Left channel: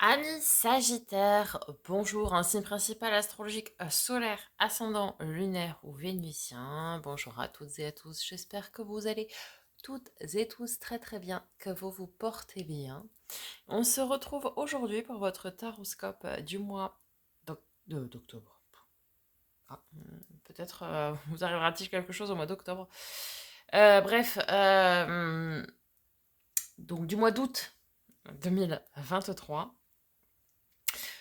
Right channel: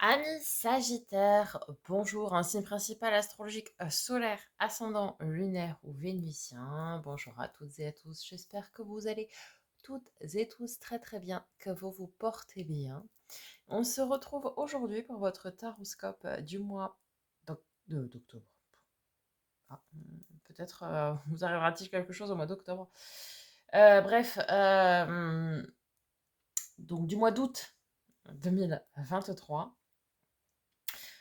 Amis Sagittaire, bonjour, un signe principal astrologique solaire, ascendant, lunaire ou vénusien. Bonjour à toutes et à tous, j'espère que vous allez toutes et tous très très bien, que vous vous portez bien. On se retrouve aujourd'hui pour votre taroscope du mois d'octobre. Peut-être vous arrivera-t-il quelque chose au mois d'octobre. Bref, donc du mois d'août 2023.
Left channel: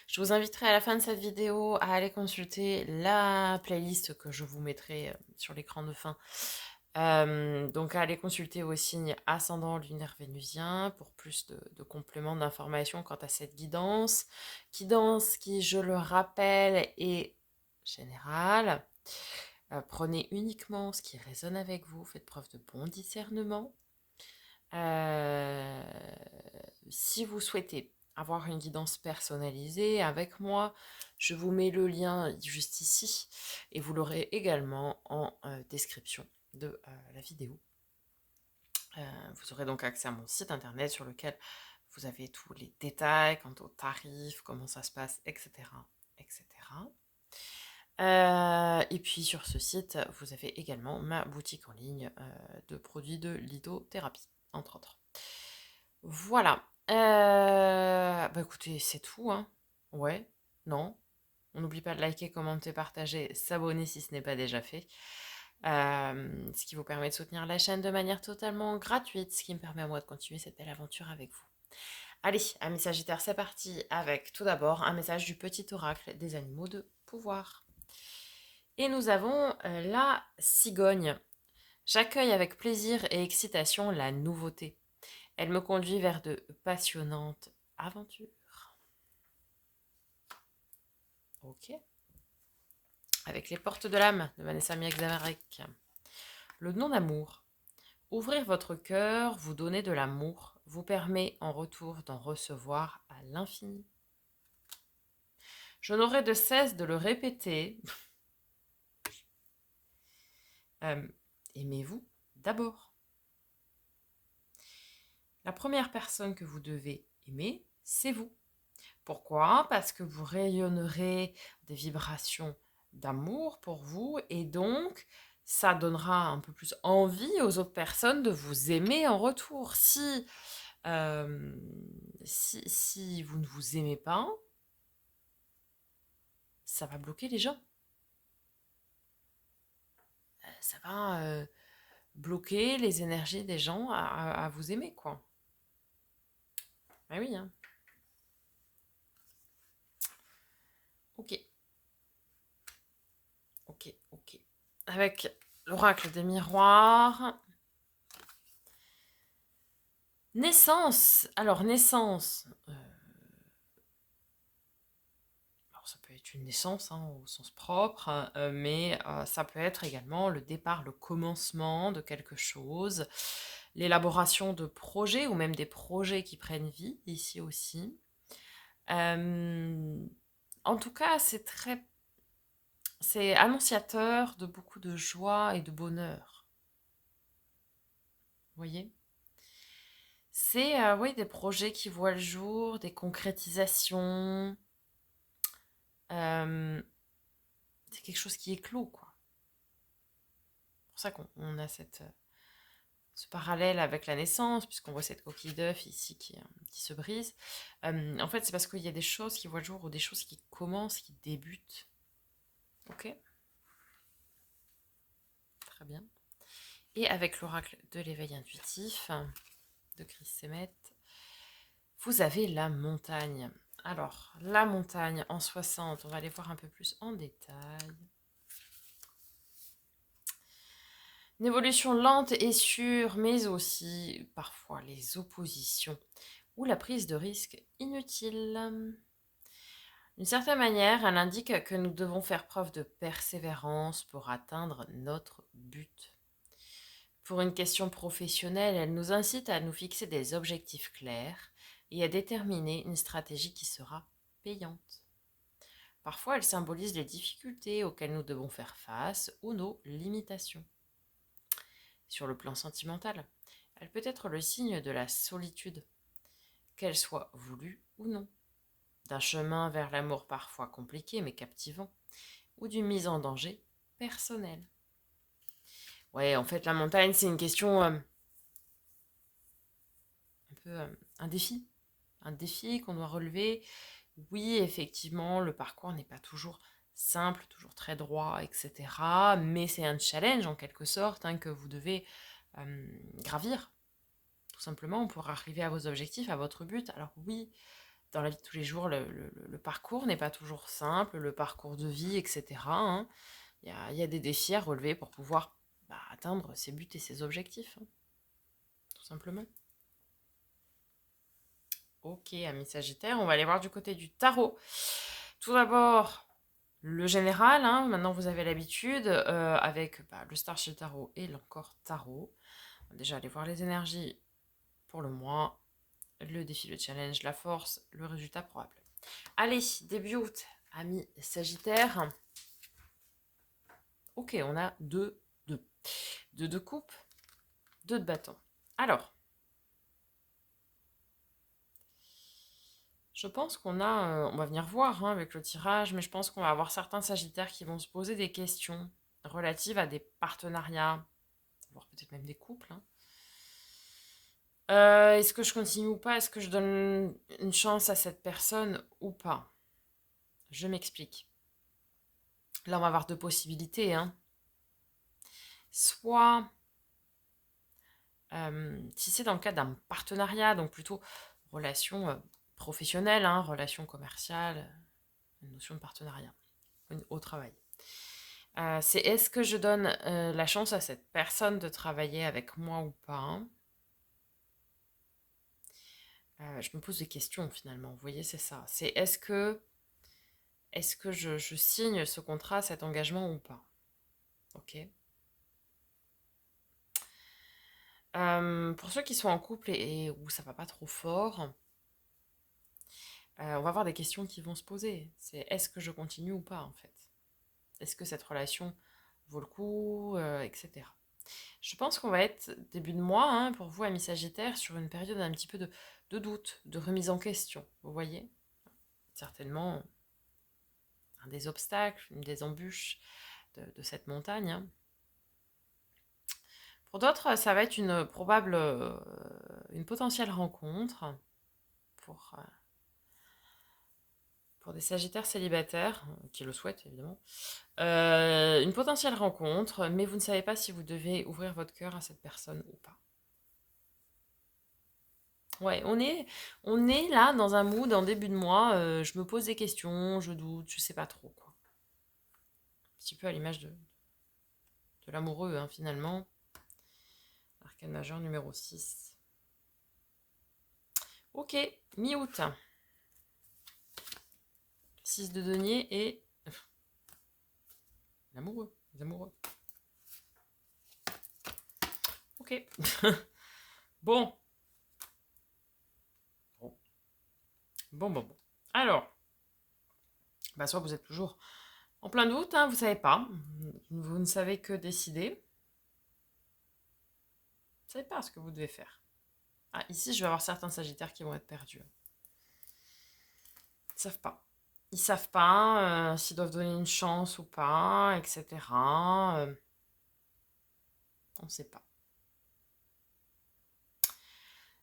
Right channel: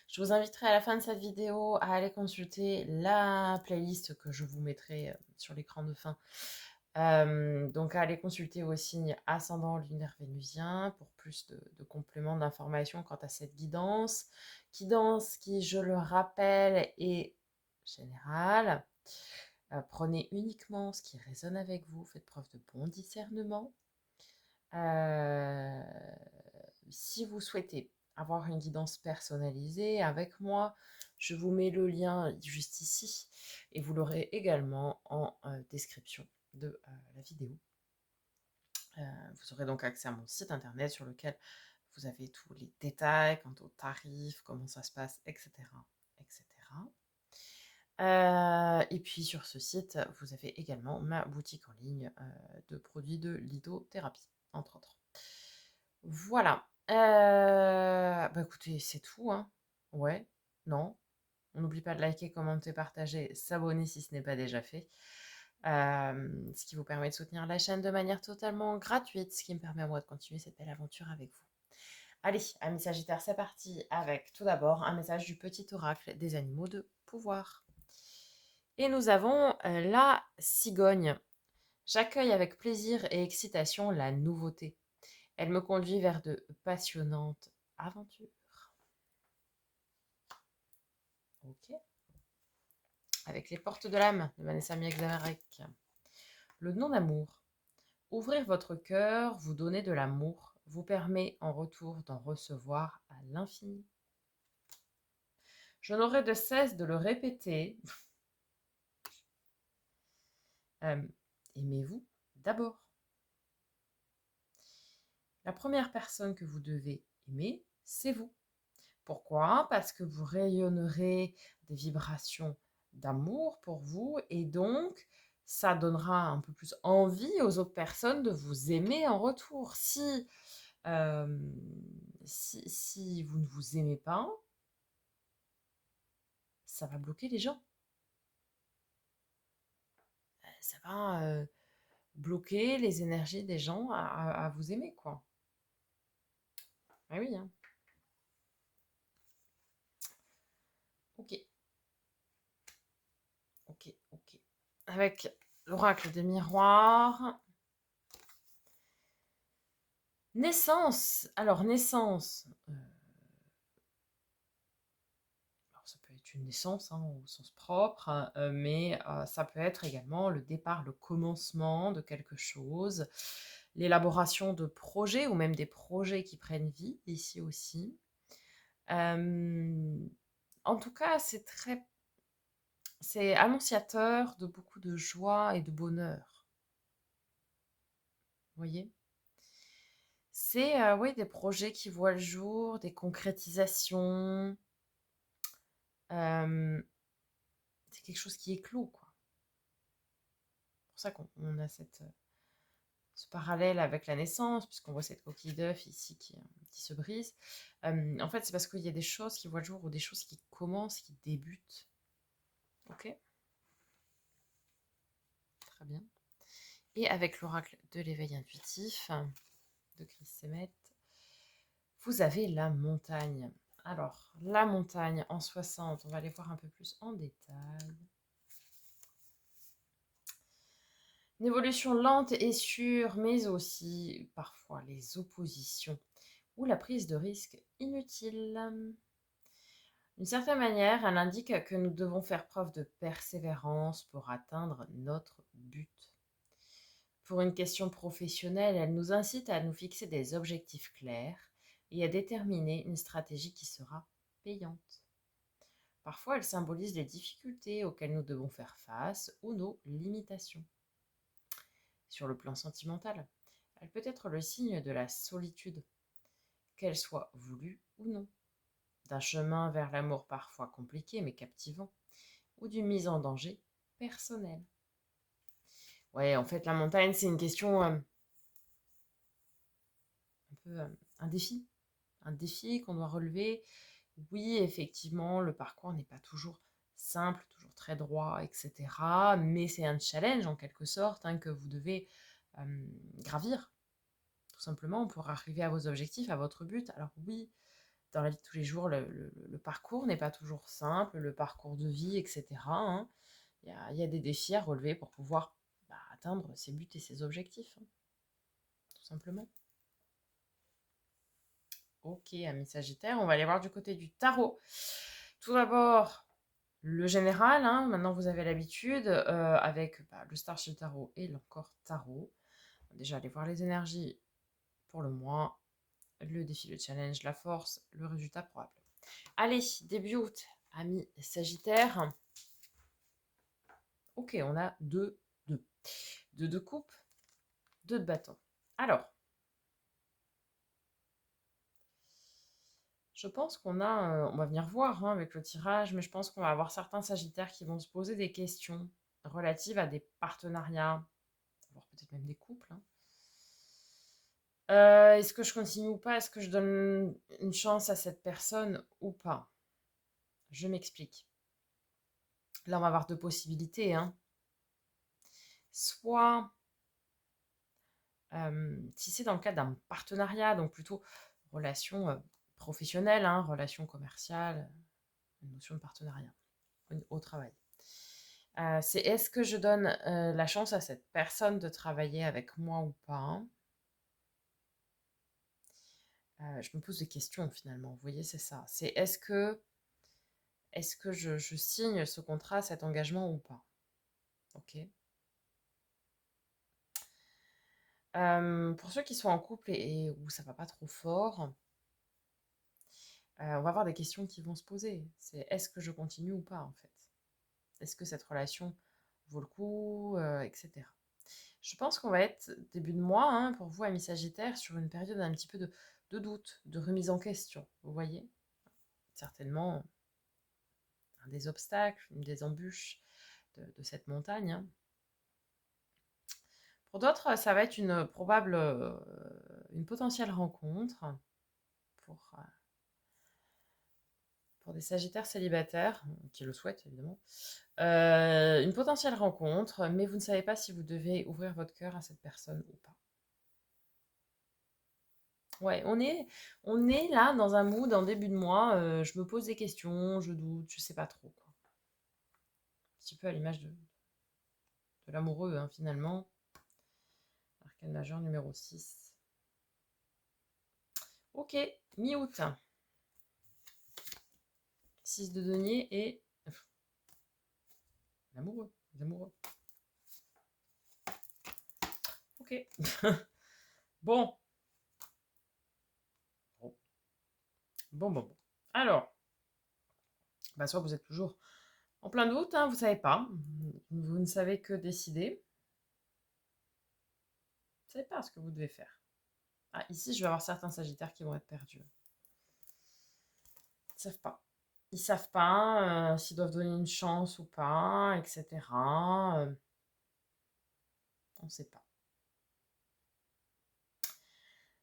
Je vous inviterai à la fin de cette vidéo à aller consulter la playlist que je vous mettrai sur l'écran de fin. Donc à aller consulter vos signes ascendant lunaire vénusien pour plus de compléments d'informations quant à cette guidance. Guidance qui, je le rappelle, est générale. Prenez uniquement ce qui résonne avec vous, faites preuve de bon discernement. Euh, Si vous souhaitez avoir une guidance personnalisée avec moi, je vous mets le lien juste ici et vous l'aurez également en description de la vidéo. Vous aurez donc accès à mon site internet sur lequel vous avez tous les détails quant aux tarifs, comment ça se passe, etc. etc. Et puis sur ce site, vous avez également ma boutique en ligne de produits de lithothérapie, entre autres. Voilà. Bah écoutez, c'est tout, hein. Ouais, non. On n'oublie pas de liker, commenter, partager, s'abonner si ce n'est pas déjà fait. Ce qui vous permet de soutenir la chaîne de manière totalement gratuite, ce qui me permet à moi de continuer cette belle aventure avec vous. Allez, amis Sagittaires, c'est parti avec tout d'abord un message du petit oracle des animaux de pouvoir. Et nous avons la cigogne. J'accueille avec plaisir et excitation la nouveauté. Elle me conduit vers de passionnantes aventures. Ok. Avec les portes de l'âme de Vanessa Miek-Zavarek. Le non-amour. Ouvrir votre cœur, vous donner de l'amour, vous permet en retour d'en recevoir à l'infini. Je n'aurai de cesse de le répéter. Aimez-vous d'abord. La première personne que vous devez aimer, c'est vous. Pourquoi? Parce que vous rayonnerez des vibrations d'amour pour vous et donc ça donnera un peu plus envie aux autres personnes de vous aimer en retour. Euh, si vous ne vous aimez pas, ça va bloquer les gens. Ça va bloquer les énergies des gens à vous aimer, quoi. Ah oui, hein. Ok, ok, ok. Avec l'oracle des miroirs. Naissance. Alors, naissance. Alors, ça peut être une naissance hein, au sens propre, hein, mais ça peut être également le départ, le commencement de quelque chose, l'élaboration de projets ou même des projets qui prennent vie ici aussi. En tout cas, c'est annonciateur de beaucoup de joie et de bonheur. Vous voyez? C'est oui, des projets qui voient le jour, des concrétisations. C'est quelque chose qui éclot, quoi. C'est pour ça qu'on a ce parallèle avec la naissance, puisqu'on voit cette coquille d'œuf ici qui se brise. En fait, c'est parce qu'il y a des choses qui voient le jour ou des choses qui commencent, qui débutent. Ok? Très bien. Et avec l'oracle de l'éveil intuitif de Chris Semet, vous avez la montagne. Alors, la montagne en 60, on va aller voir un peu plus en détail. Une évolution lente et sûre, mais aussi parfois les oppositions ou la prise de risque inutile. D'une certaine manière, elle indique que nous devons faire preuve de persévérance pour atteindre notre but. Pour une question professionnelle, elle nous incite à nous fixer des objectifs clairs et à déterminer une stratégie qui sera payante. Parfois, elle symbolise les difficultés auxquelles nous devons faire face ou nos limitations. Sur le plan sentimental, elle peut être le signe de la solitude, qu'elle soit voulue ou non. d'un chemin vers l'amour parfois compliqué mais captivant, ou d'une mise en danger personnelle. Ouais, en fait, la montagne, c'est une question un peu un défi qu'on doit relever. Oui, effectivement, le parcours n'est pas toujours simple, toujours très droit, etc. Mais c'est un challenge en quelque sorte hein, que vous devez gravir, tout simplement, pour arriver à vos objectifs, à votre but. Alors oui, dans la vie de tous les jours, le parcours n'est pas toujours simple, le parcours de vie, etc. hein. Il y a des défis à relever pour pouvoir atteindre ses buts et ses objectifs, hein, tout simplement. Ok, amis Sagittaire, on va aller voir du côté du tarot. Tout d'abord, le général, hein, maintenant vous avez l'habitude, avec le Starship Tarot et l'Encore Tarot. On va déjà aller voir les énergies pour le mois, le défi, le challenge, la force, le résultat probable. Allez, début août, amis Sagittaire. Ok, on a deux de coupe, deux de bâton. Alors, je pense qu'on a, on va venir voir hein, avec le tirage, mais je pense qu'on va avoir certains Sagittaires qui vont se poser des questions relatives à des partenariats, voire peut-être même des couples. Hein. Est-ce que je continue ou pas? Est-ce que je donne une chance à cette personne ou pas? Je m'explique. Là, on va avoir deux possibilités. Hein. Soit, si c'est dans le cadre d'un partenariat, donc plutôt relation professionnelle, hein, relation commerciale, une notion de partenariat au travail. C'est est-ce que je donne la chance à cette personne de travailler avec moi ou pas? Hein. Je me pose des questions finalement, vous voyez, c'est ça. C'est est-ce que je signe ce contrat, cet engagement ou pas? Ok. Pour ceux qui sont en couple et où ça va pas trop fort, on va avoir des questions qui vont se poser. C'est est-ce que je continue ou pas en fait? Est-ce que cette relation vaut le coup, etc. Je pense qu'on va être début de mois, hein, pour vous, amis Sagittaire, sur une période un petit peu de doute, de remise en question. Vous voyez? Certainement un des obstacles, une des embûches de cette montagne. Hein. Pour d'autres, ça va être une probable, une potentielle rencontre pour, euh, pour des Sagittaires célibataires, qui le souhaitent évidemment. Une potentielle rencontre, mais vous ne savez pas si vous devez ouvrir votre cœur à cette personne ou pas. Ouais, on est là dans un mood en début de mois, je me pose des questions, je doute, je sais pas trop quoi. Un petit peu à l'image de l'amoureux hein, finalement. Arcane majeur numéro 6. Ok, mi-août. 6 de denier et l'amoureux, les amoureux. Ok. Bon. Bon. Alors, soit vous êtes toujours en plein doute, hein, vous savez pas. Vous ne savez que décider. Vous savez pas ce que vous devez faire. Ah, ici, je vais avoir certains sagittaires qui vont être perdus. Ils savent pas. Ils savent pas s'ils doivent donner une chance ou pas, etc. On ne sait pas.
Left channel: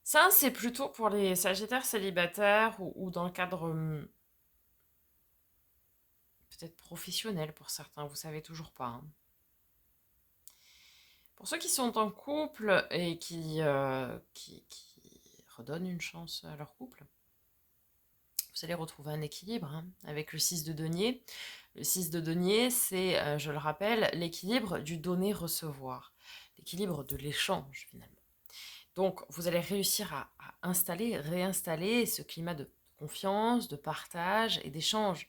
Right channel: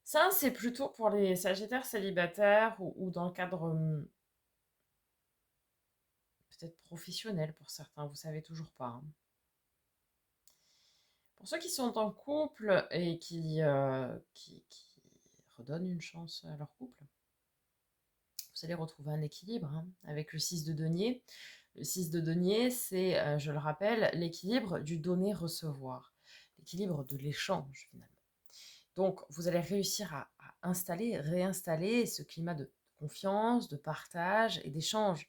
Ça, c'est plutôt pour les sagittaires célibataires ou dans le cadre peut-être professionnel pour certains, vous savez toujours pas. Hein. Pour ceux qui sont en couple et qui redonnent une chance à leur couple, vous allez retrouver un équilibre hein, avec le 6 de denier. Le 6 de denier, c'est, je le rappelle, l'équilibre du donner-recevoir, l'équilibre de l'échange finalement. Donc, vous allez réussir à installer, réinstaller ce climat de confiance, de partage et d'échange.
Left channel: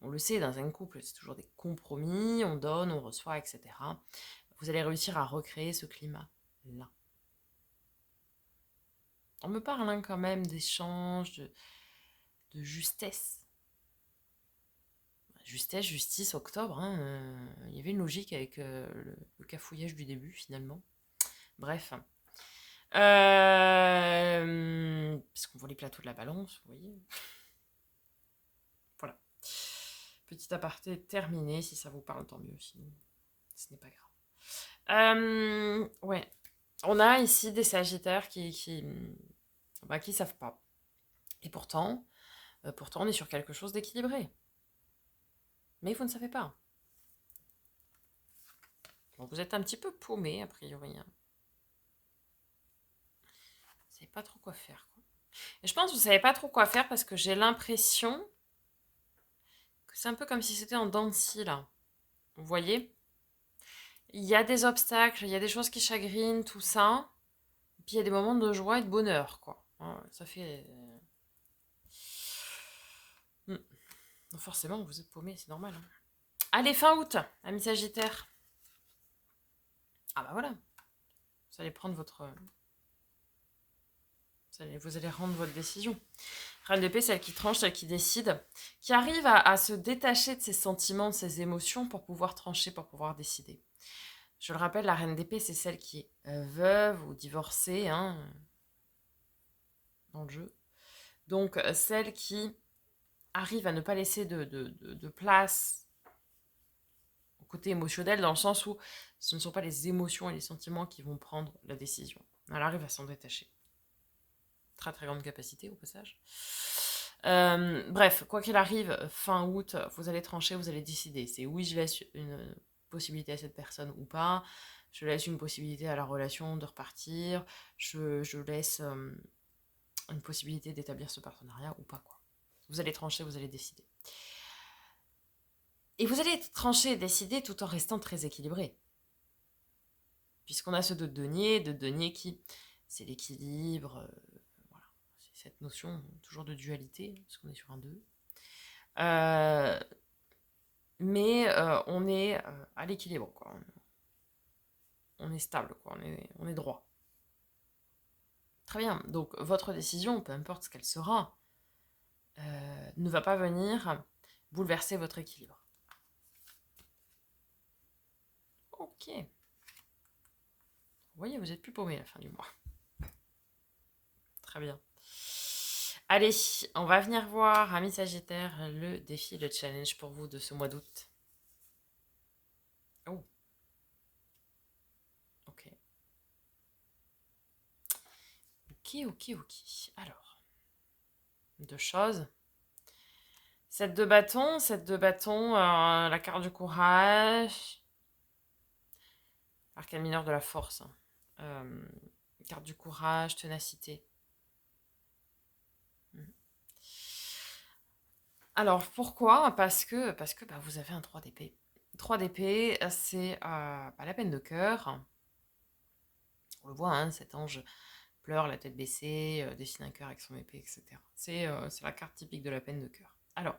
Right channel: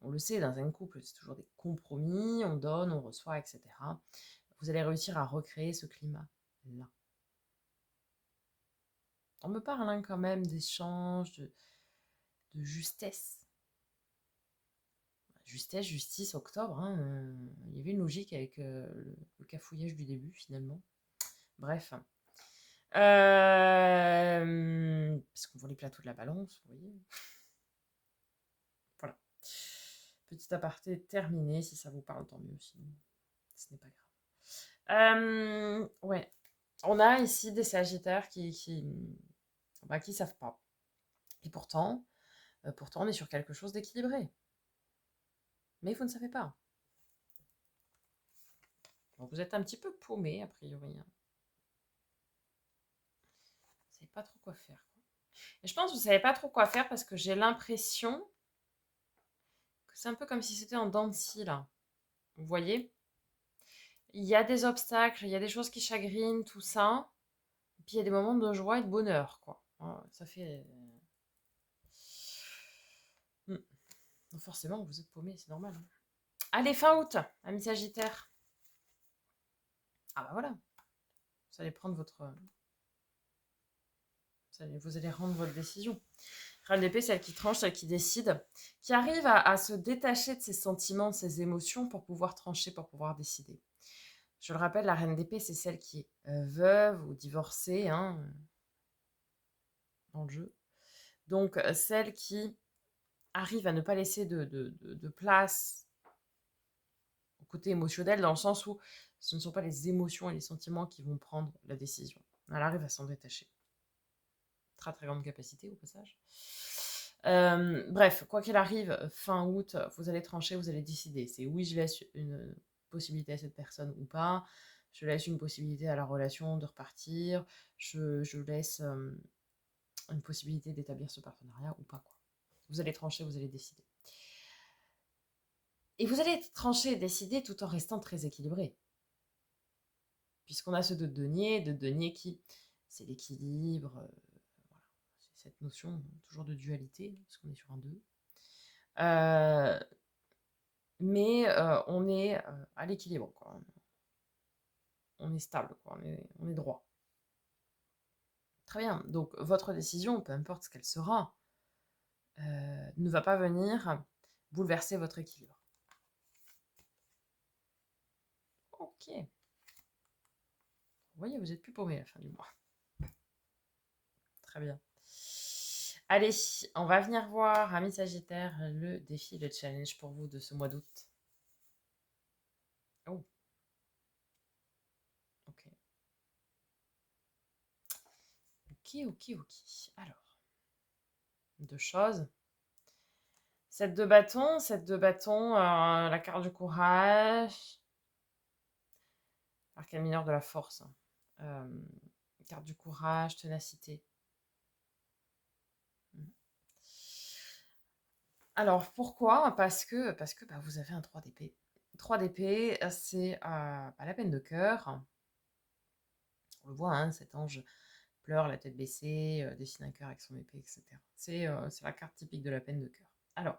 On le sait, dans un couple, c'est toujours des compromis, on donne, on reçoit, etc. Vous allez réussir à recréer ce climat-là. On me parle hein, quand même d'échange, de justesse. Justesse, justice, octobre, hein, il y avait une logique avec le cafouillage du début finalement. Bref. Parce qu'on voit les plateaux de la balance, vous voyez. Petit aparté terminé. Si ça vous parle, tant mieux. Sinon, ce n'est pas grave. Ouais. On a ici des sagittaires qui savent pas. Et pourtant, on est sur quelque chose d'équilibré. Mais vous ne savez pas. Donc vous êtes un petit peu paumé, a priori. Hein. Vous ne savez pas trop quoi faire. Quoi. Et je pense que vous ne savez pas trop quoi faire parce que j'ai l'impression que c'est un peu comme si c'était en dents de scie, là. Vous voyez? Il y a des obstacles, il y a des choses qui chagrinent, tout ça. Et puis il y a des moments de joie et de bonheur, quoi. Hein, ça fait... Forcément, vous êtes paumé, c'est normal. Hein. Allez, fin août, amis Sagittaire. Ah bah voilà. Vous allez prendre votre... Vous allez rendre votre décision. Reine d'épée, celle qui tranche, celle qui décide, qui arrive à se détacher de ses sentiments, de ses émotions pour pouvoir trancher, pour pouvoir décider. Je le rappelle, la reine d'épée, c'est celle qui est veuve ou divorcée, hein, dans le jeu. Donc, celle qui arrive à ne pas laisser de place au côté émotionnel, dans le sens où ce ne sont pas les émotions et les sentiments qui vont prendre la décision. Elle arrive à s'en détacher. Très très grande capacité au passage. Bref, quoi qu'il arrive, fin août, vous allez trancher, vous allez décider. C'est oui, je laisse une possibilité à cette personne ou pas. Je laisse une possibilité à la relation de repartir. Je laisse une possibilité d'établir ce partenariat ou pas. Quoi. Vous allez trancher, vous allez décider. Et vous allez trancher et décider tout en restant très équilibré. Puisqu'on a ce de denier qui, c'est l'équilibre, voilà. C'est cette notion toujours de dualité, parce qu'on est sur un 2. Mais on est à l'équilibre, quoi. On est stable, quoi. On est droit. Très bien. Donc, votre décision, peu importe ce qu'elle sera, ne va pas venir bouleverser votre équilibre. Ok. Vous voyez, vous n'êtes plus paumé à la fin du mois. Très bien. Allez, on va venir voir, amis Sagittaire, le défi, le challenge pour vous de ce mois d'août. Oh. Ok. Ok. Alors, deux choses. 7 de bâton, la carte du courage, l'arcane mineur de la force. Carte du courage, ténacité. Alors, pourquoi? Parce que bah, vous avez un 3 d'épée. 3 d'épée, c'est la peine de cœur. On le voit, hein, cet ange pleure, la tête baissée, dessine un cœur avec son épée, etc. C'est la carte typique de la peine de cœur. Alors,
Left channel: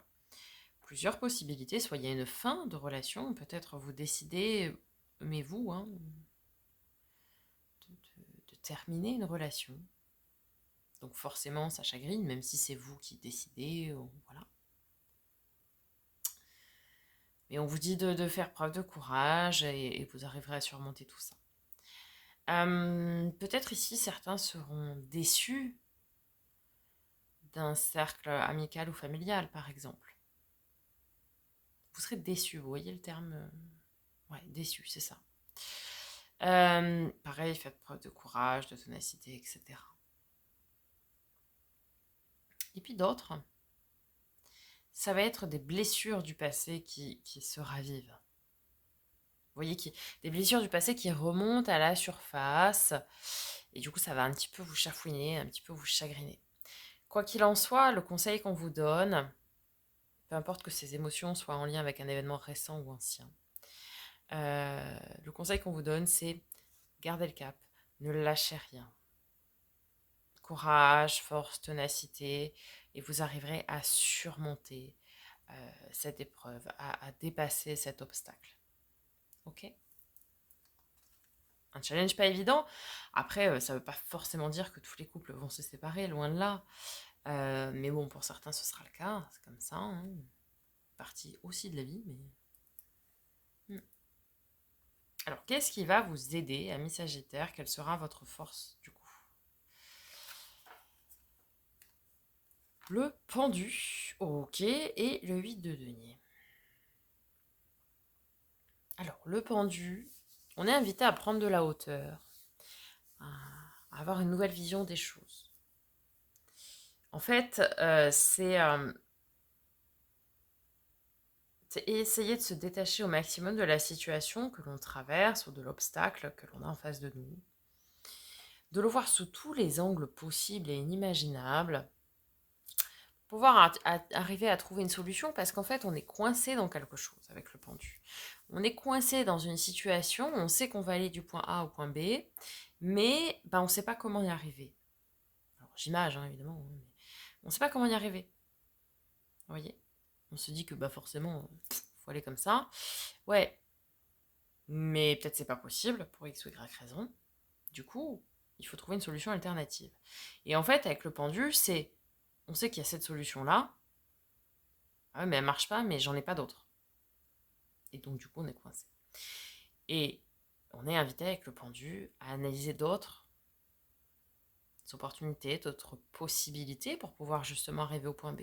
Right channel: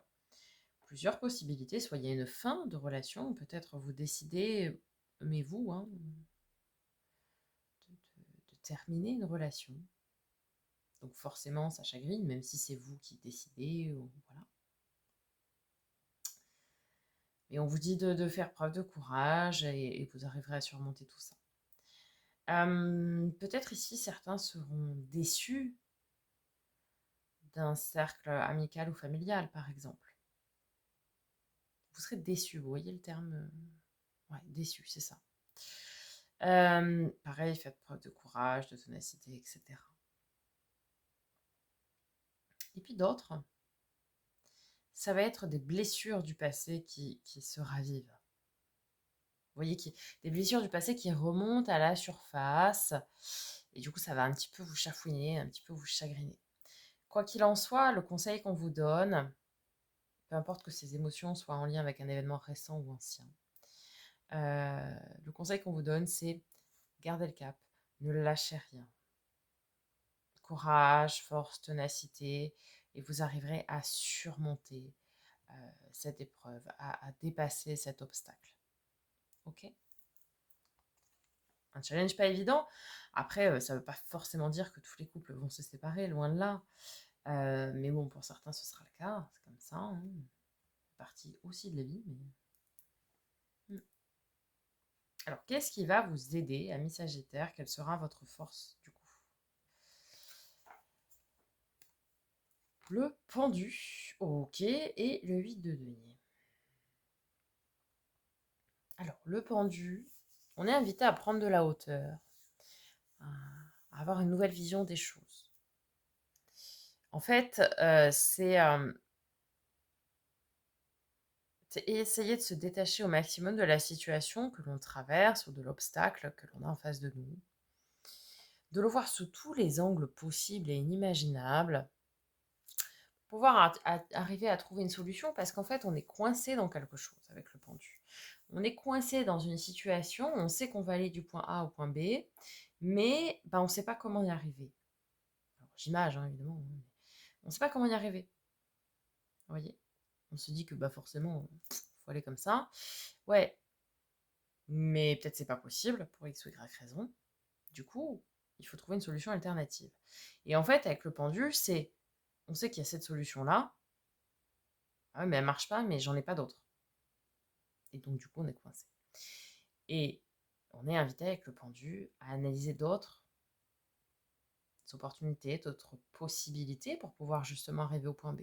plusieurs possibilités. Soit il y a une fin de relation, peut-être vous décidez, mais vous, hein, de terminer une relation. Donc forcément, ça chagrine, même si c'est vous qui décidez, voilà. Mais on vous dit de faire preuve de courage et vous arriverez à surmonter tout ça. Peut-être ici, certains seront déçus d'un cercle amical ou familial, par exemple. Vous serez déçus, vous voyez le terme ouais, déçu, c'est ça. Pareil, faites preuve de courage, de ténacité, etc. Et puis d'autres, ça va être des blessures du passé qui se ravivent. Vous voyez, des blessures du passé qui remontent à la surface. Et du coup, ça va un petit peu vous chafouiner, un petit peu vous chagriner. Quoi qu'il en soit, le conseil qu'on vous donne, peu importe que ces émotions soient en lien avec un événement récent ou ancien, le conseil qu'on vous donne, c'est gardez le cap, ne lâchez rien. Courage, force, ténacité, et vous arriverez à surmonter cette épreuve, à dépasser cet obstacle. Ok? Un challenge pas évident. Après, ça ne veut pas forcément dire que tous les couples vont se séparer, loin de là. Mais bon, pour certains, ce sera le cas. C'est comme ça. Hein. Partie aussi de la vie. Mais... Alors, qu'est-ce qui va vous aider, amis Sagittaire? Quelle sera votre force, du coup? Le pendu, ok, et le 8 de denier. Alors, le pendu, on est invité à prendre de la hauteur, à avoir une nouvelle vision des choses. En fait, c'est essayer de se détacher au maximum de la situation que l'on traverse ou de l'obstacle que l'on a en face de nous. De le voir sous tous les angles possibles et inimaginables, pouvoir arriver à trouver une solution parce qu'en fait, on est coincé dans quelque chose avec le pendu. On est coincé dans une situation, on sait qu'on va aller du point A au point B, mais on ne sait pas comment y arriver. Alors, j'imagine, hein, évidemment, hein, mais on ne sait pas comment y arriver. Vous voyez? On se dit que forcément, il faut aller comme ça. Ouais, mais peut-être c'est pas possible pour X ou Y raison. Du coup, il faut trouver une solution alternative. Et en fait, avec le pendu, on sait qu'il y a cette solution-là. Ah ouais, mais elle marche pas, mais j'en ai pas d'autre. Et donc, du coup, on est coincé. Et on est invité avec le pendu à analyser d'autres opportunités, d'autres possibilités pour pouvoir justement arriver au point B.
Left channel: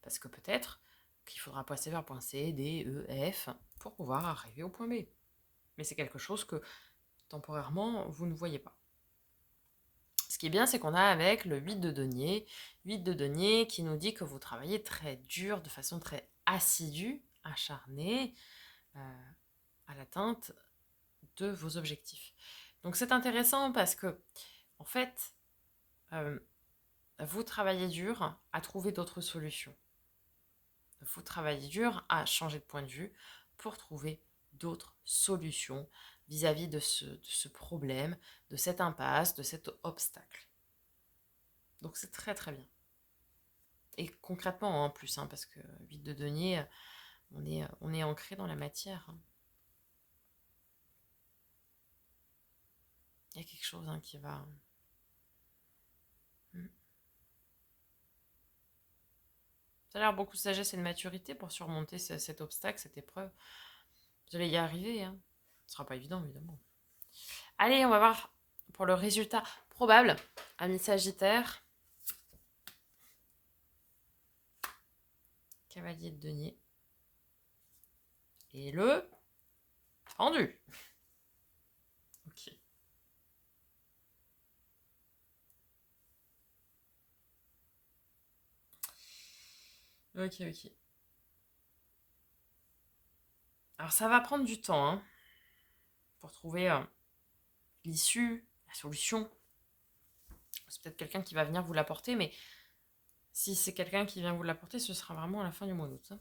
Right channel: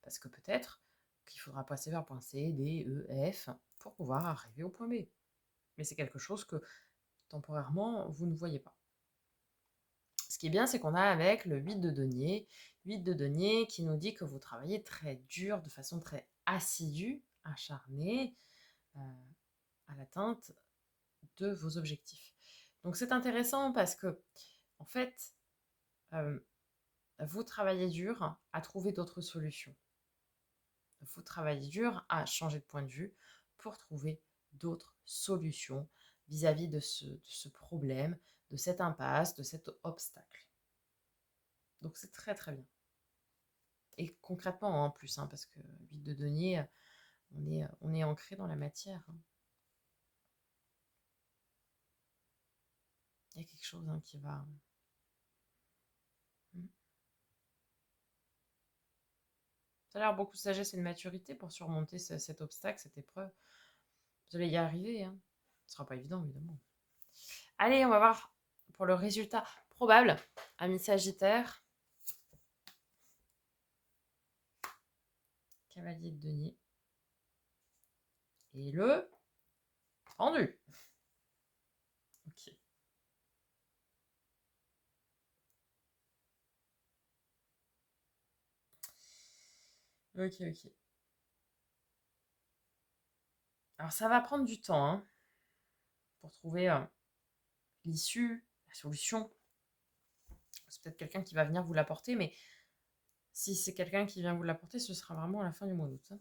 Parce que peut-être qu'il faudra passer vers point C, D, E, F pour pouvoir arriver au point B. Mais c'est quelque chose que temporairement, vous ne voyez pas. Ce qui est bien, c'est qu'on a avec le 8 de denier, 8 de denier qui nous dit que vous travaillez très dur, de façon très assidue, acharnée, à l'atteinte de vos objectifs. Donc c'est intéressant parce que, en fait, vous travaillez dur à trouver d'autres solutions. Vous travaillez dur à changer de point de vue pour trouver d'autres solutions vis-à-vis de ce problème, de cette impasse, de cet obstacle. Donc c'est très très bien. Et concrètement en plus, hein, parce que 8 de denier, on est ancré dans la matière. Hein. Il y a quelque chose qui va... Ça a l'air beaucoup de sagesse et de maturité pour surmonter cet obstacle, cette épreuve. Vous allez y arriver. Hein. Ce ne sera pas évident, évidemment. Allez, on va voir pour le résultat probable. Ami Sagittaire. Cavalier de denier. Et le pendu. Ok. Ok, ok. Alors ça va prendre du temps hein, pour trouver l'issue, la solution. C'est peut-être quelqu'un qui va venir vous l'apporter, mais si c'est quelqu'un qui vient vous l'apporter, ce sera vraiment à la fin du mois d'août. Hein.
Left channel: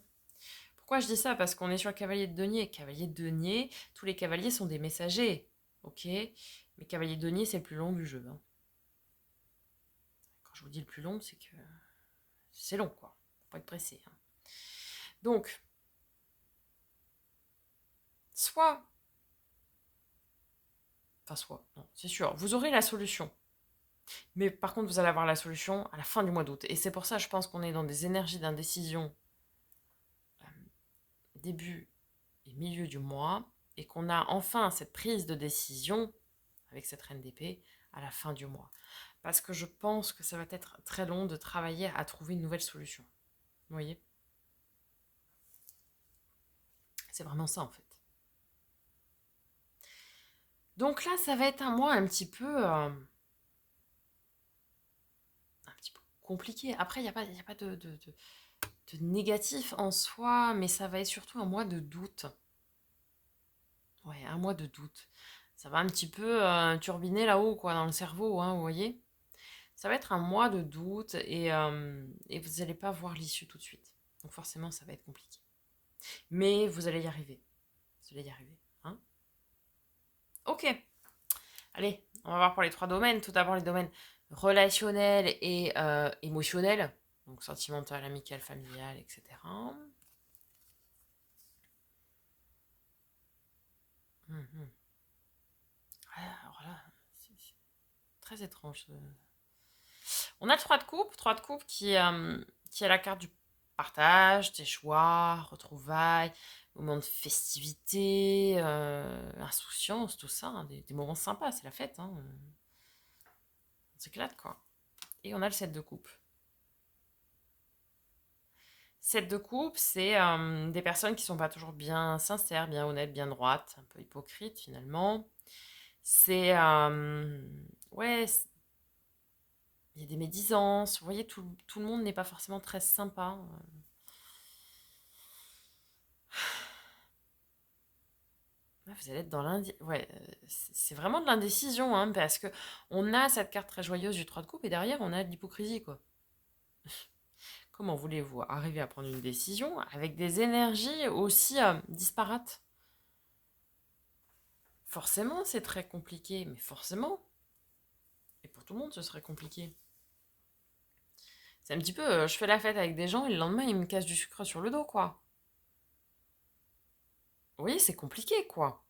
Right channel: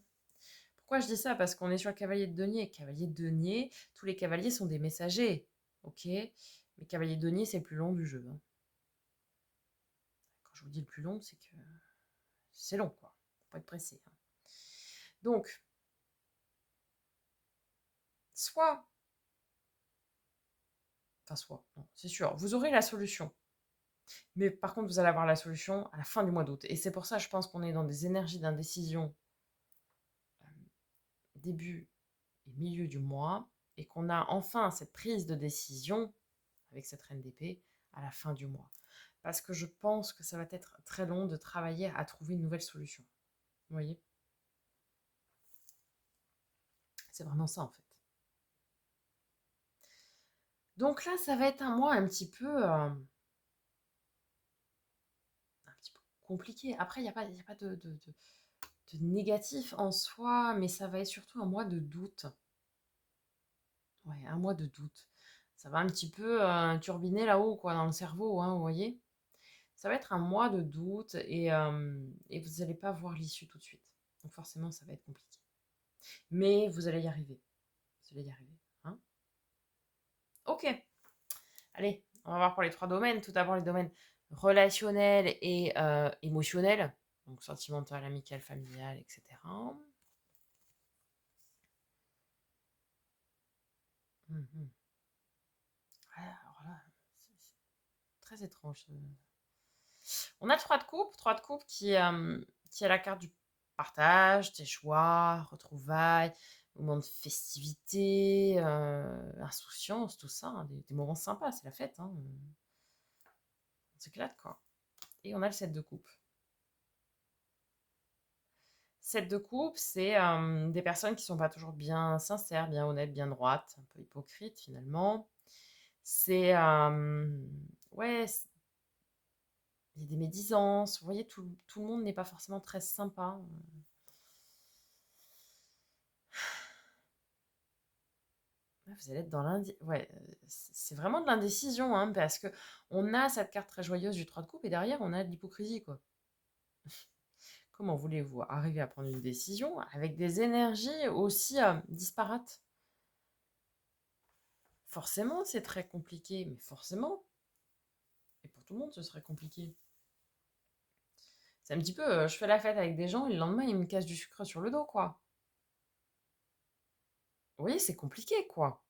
Pourquoi je dis ça? Parce qu'on est sur le cavalier de denier. Cavalier de denier, tous les cavaliers sont des messagers. Ok? Mais cavalier de denier, c'est le plus long du jeu. Hein. Quand je vous dis le plus long, c'est que c'est long, quoi. Faut pas être pressé. Hein. Donc, soit, non, c'est sûr, vous aurez la solution. Mais par contre, vous allez avoir la solution à la fin du mois d'août. Et c'est pour ça, je pense qu'on est dans des énergies d'indécision début et milieu du mois. Et qu'on a enfin cette prise de décision avec cette reine d'épée à la fin du mois. Parce que je pense que ça va être très long de travailler à trouver une nouvelle solution. Vous voyez? C'est vraiment ça en fait. Donc là, ça va être un mois un petit peu compliqué. Après, il n'y a pas de négatif en soi, mais ça va être surtout un mois de doute. Ouais, un mois de doute. Ça va un petit peu turbiner là-haut, quoi, dans le cerveau, hein, vous voyez? Ça va être un mois de doute et vous n'allez pas voir l'issue tout de suite. Donc forcément, ça va être compliqué. Mais vous allez y arriver. Vous allez y arriver. Hein. Ok. Allez, on va voir pour les 3 domaines. Tout d'abord, les domaines relationnels et émotionnels. Donc sentimental, amical, familial, etc. Mhm. Alors là, c'est très étrange. On a le 3 de coupe. 3 de coupe qui a la carte du partage, des choix, retrouvailles, moments de festivité, insouciance, tout ça. Hein, des moments sympas, c'est la fête. Hein. On s'éclate, quoi. Et on a le 7 de coupe. 7 de coupe, c'est des personnes qui sont pas toujours bien sincères, bien honnêtes, bien droites, un peu hypocrites finalement. C'est ouais, il y a des médisances. Vous voyez, tout le monde n'est pas forcément très sympa. Ouais, vous allez être dans ouais, c'est vraiment de l'indécision, hein, parce que on a cette carte très joyeuse du 3 de coupe et derrière on a de l'hypocrisie, quoi. Comment voulez-vous arriver à prendre une décision avec des énergies aussi disparates? Forcément, c'est très compliqué, mais forcément. Et pour tout le monde, ce serait compliqué. C'est un petit peu, je fais la fête avec des gens et le lendemain, ils me cassent du sucre sur le dos, quoi. Vous voyez, c'est compliqué, quoi.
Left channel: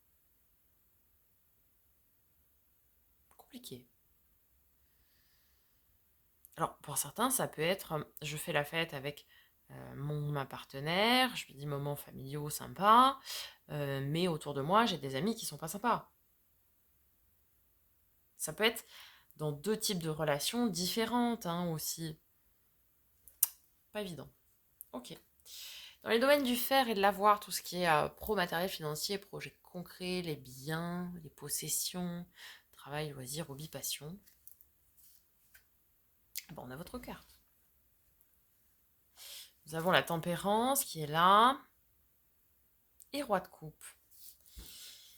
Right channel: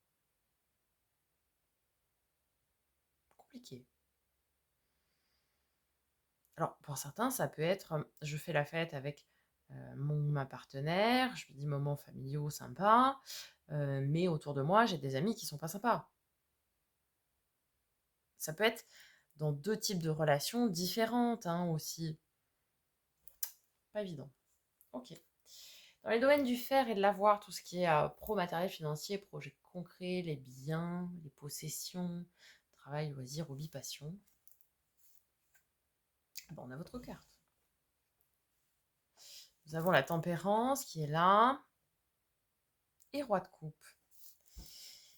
Compliqué. Alors, pour certains, ça peut être, je fais la fête avec ma partenaire, je lui dis moments familiaux sympas, mais autour de moi, j'ai des amis qui sont pas sympas. Ça peut être dans deux types de relations différentes, hein, aussi. Pas évident. Ok. Dans les domaines du faire et de l'avoir, tout ce qui est pro matériel financier, projet concret, les biens, les possessions, travail, loisirs, hobby, passion, bon, on a votre carte. Nous avons la tempérance qui est là et roi de coupe.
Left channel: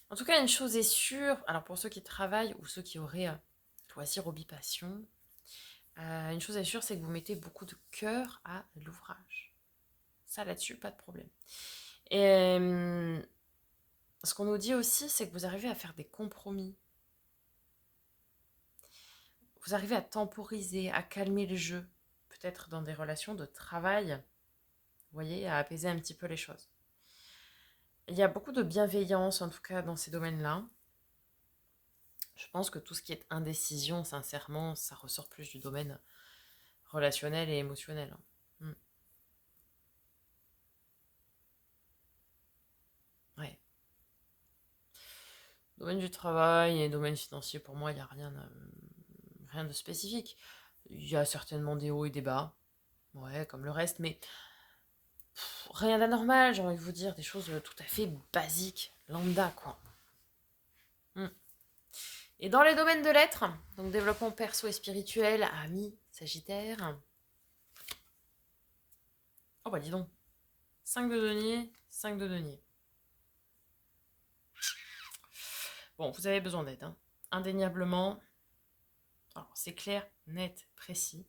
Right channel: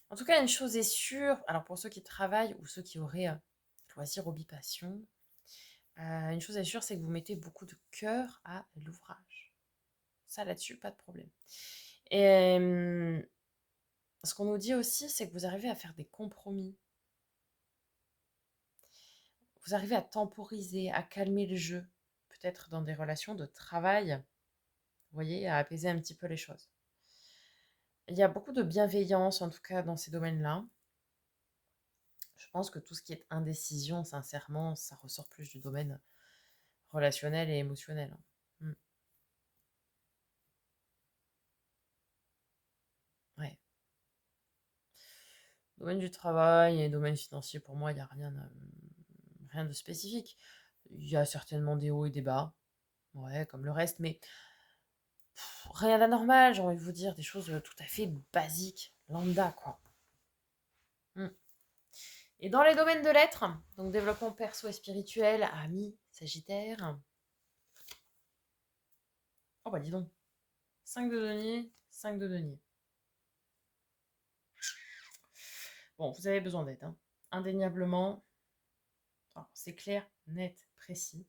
En tout cas, une chose est sûre, alors pour ceux qui travaillent ou ceux qui auraient loisirs, hobby, passion, une chose est sûre, c'est que vous mettez beaucoup de cœur à l'ouvrage. Ça, là-dessus, pas de problème. Et ce qu'on nous dit aussi, c'est que vous arrivez à faire des compromis. Vous arrivez à temporiser, à calmer le jeu. Peut-être dans des relations de travail, vous voyez, à apaiser un petit peu les choses. Il y a beaucoup de bienveillance, en tout cas, dans ces domaines-là. Je pense que tout ce qui est indécision, sincèrement, ça ressort plus du domaine relationnel et émotionnel. Mm. Ouais. Domaine du travail et domaine financier, pour moi, il n'y a rien de spécifique. Il y a certainement des hauts et des bas, ouais, comme le reste, mais rien d'anormal, j'ai envie de vous dire, des choses tout à fait basiques, lambda, quoi. Mm. Et dans les domaines de l'être, donc développement perso et spirituel, amis, Sagittaire. Oh bah dis donc, 5 de denier, 5 de denier. Bon, vous avez besoin d'aide, hein. Indéniablement. Alors, c'est clair, net, précis.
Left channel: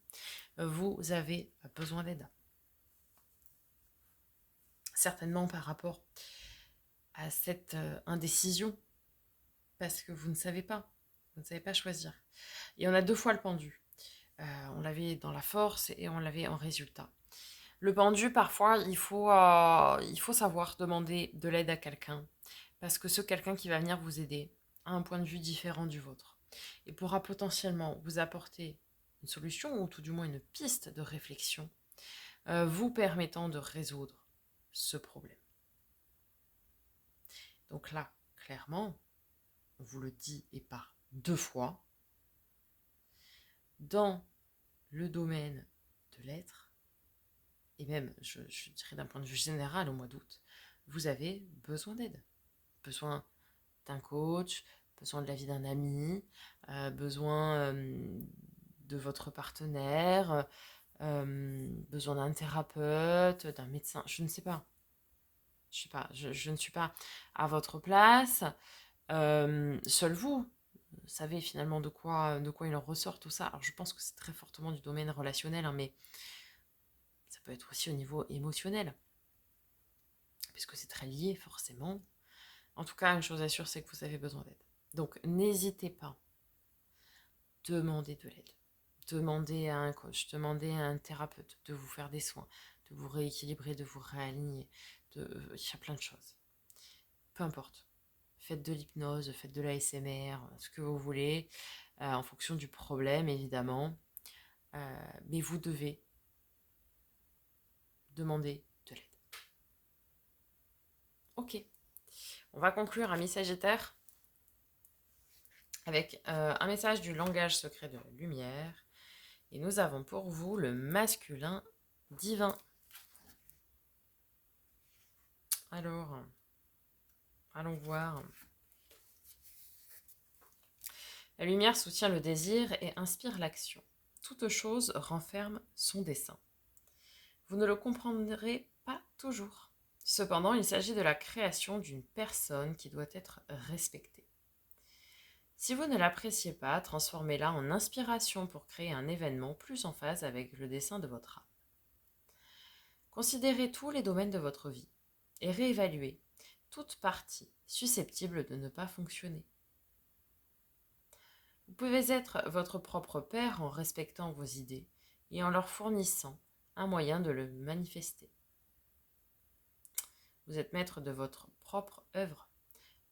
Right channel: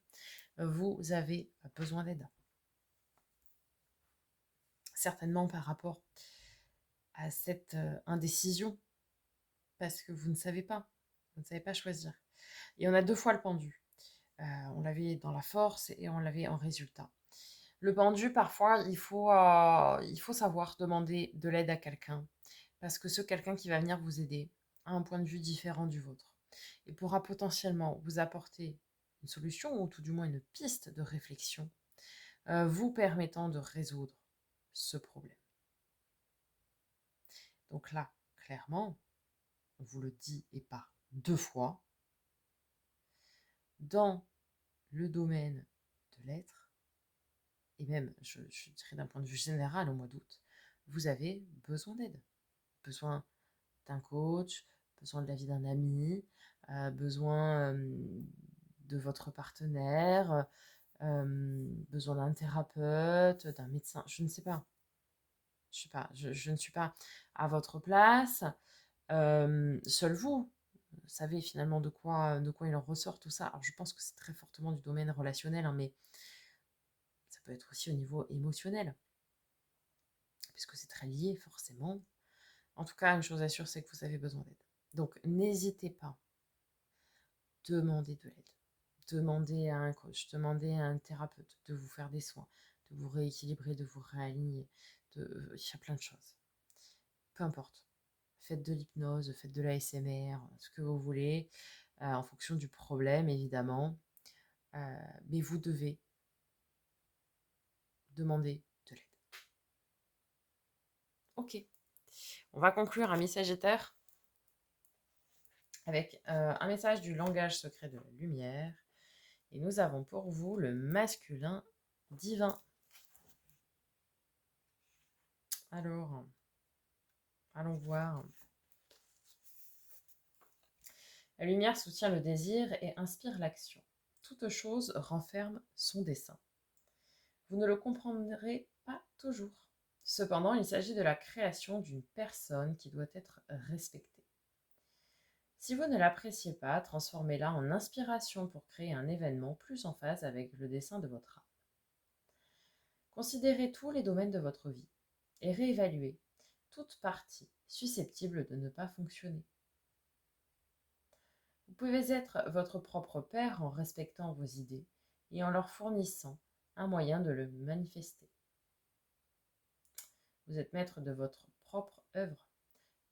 Vous avez besoin d'aide. Certainement par rapport à cette indécision, parce que vous ne savez pas. Vous ne savez pas choisir. Et on a deux fois le pendu. On l'avait dans la force et on l'avait en résultat. Le pendu, parfois, il faut savoir demander de l'aide à quelqu'un. Parce que ce quelqu'un qui va venir vous aider a un point de vue différent du vôtre. Et pourra potentiellement vous apporter une solution ou tout du moins une piste de réflexion vous permettant de résoudre ce problème. Donc là, clairement, on vous le dit et par deux fois, dans le domaine de l'être, et même, je dirais d'un point de vue général au mois d'août, vous avez besoin d'aide. Besoin d'un coach, besoin de l'avis d'un ami, besoin de votre partenaire, besoin d'un thérapeute, d'un médecin, je ne sais pas. Je sais pas, je ne suis pas à votre place. Seul vous savez finalement de quoi il en ressort tout ça. Alors je pense que c'est très fortement du domaine relationnel, hein, mais ça peut être aussi au niveau émotionnel, puisque c'est très lié forcément. En tout cas, une chose est sûre, c'est que vous avez besoin d'aide. Donc n'hésitez pas, demandez de l'aide. Demandez à un coach, demandez à un thérapeute de vous faire des soins, de vous rééquilibrer, de vous réaligner. Il y a plein de choses. Peu importe. Faites de l'hypnose, faites de l'ASMR, ce que vous voulez, en fonction du problème évidemment. Mais vous devez demander de l'aide. Ok. On va conclure, amis Sagittaire, avec un message du langage secret de la lumière. Et nous avons pour vous le masculin divin. Alors, allons voir. La lumière soutient le désir et inspire l'action. Toute chose renferme son dessein. Vous ne le comprendrez pas toujours. Cependant, il s'agit de la création d'une personne qui doit être respectée. Si vous ne l'appréciez pas, transformez-la en inspiration pour créer un événement plus en phase avec le dessein de votre âme. Considérez tous les domaines de votre vie et réévaluez toute partie susceptible de ne pas fonctionner. Vous pouvez être votre propre père en respectant vos idées et en leur fournissant un moyen de le manifester. Vous êtes maître de votre propre œuvre.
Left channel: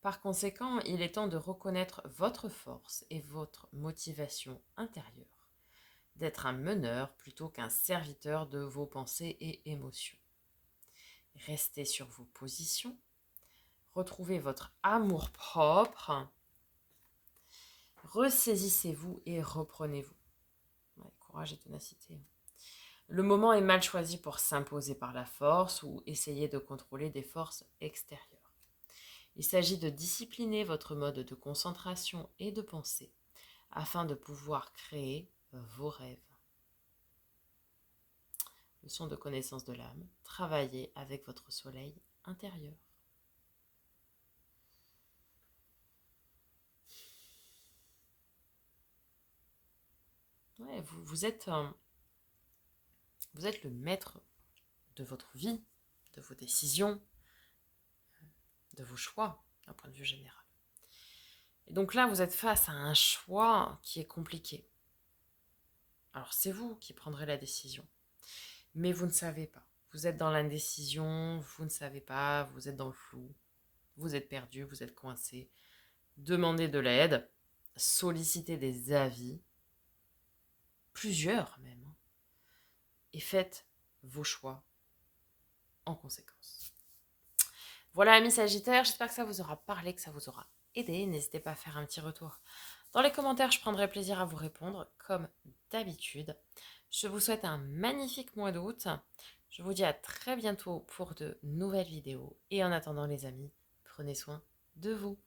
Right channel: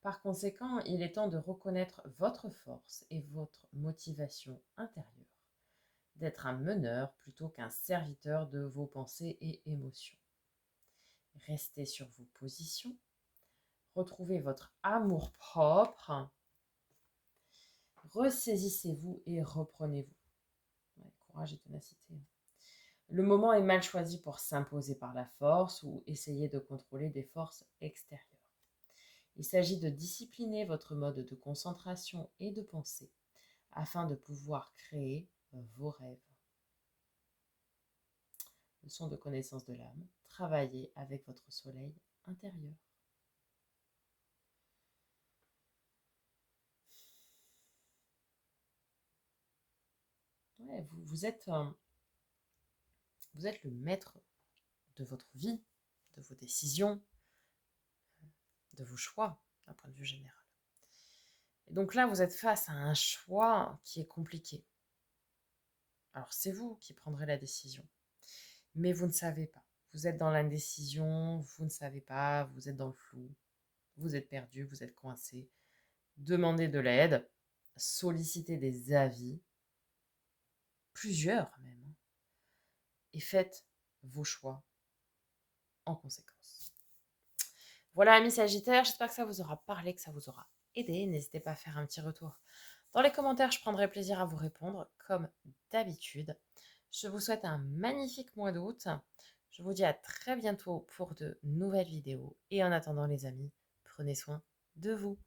Par conséquent, il est temps de reconnaître votre force et votre motivation intérieure, d'être un meneur plutôt qu'un serviteur de vos pensées et émotions. Restez sur vos positions, retrouvez votre amour-propre, ressaisissez-vous et reprenez-vous. Ouais, courage et ténacité. Le moment est mal choisi pour s'imposer par la force ou essayer de contrôler des forces extérieures. Il s'agit de discipliner votre mode de concentration et de pensée afin de pouvoir créer vos rêves. Leçon de connaissance de l'âme, travaillez avec votre soleil intérieur. Ouais, vous êtes le maître de votre vie, de vos décisions, de vos choix, d'un point de vue général. Et donc là, vous êtes face à un choix qui est compliqué. Alors c'est vous qui prendrez la décision, mais vous ne savez pas. Vous êtes dans l'indécision, vous ne savez pas, vous êtes dans le flou, vous êtes perdu, vous êtes coincé. Demandez de l'aide, sollicitez des avis, plusieurs même, et faites vos choix en conséquence. Voilà, amis Sagittaires, j'espère que ça vous aura parlé, que ça vous aura aidé. N'hésitez pas à faire un petit retour dans les commentaires, je prendrai plaisir à vous répondre comme d'habitude. Je vous souhaite un magnifique mois d'août. Je vous dis à très bientôt pour de nouvelles vidéos. Et en attendant les amis, prenez soin de vous.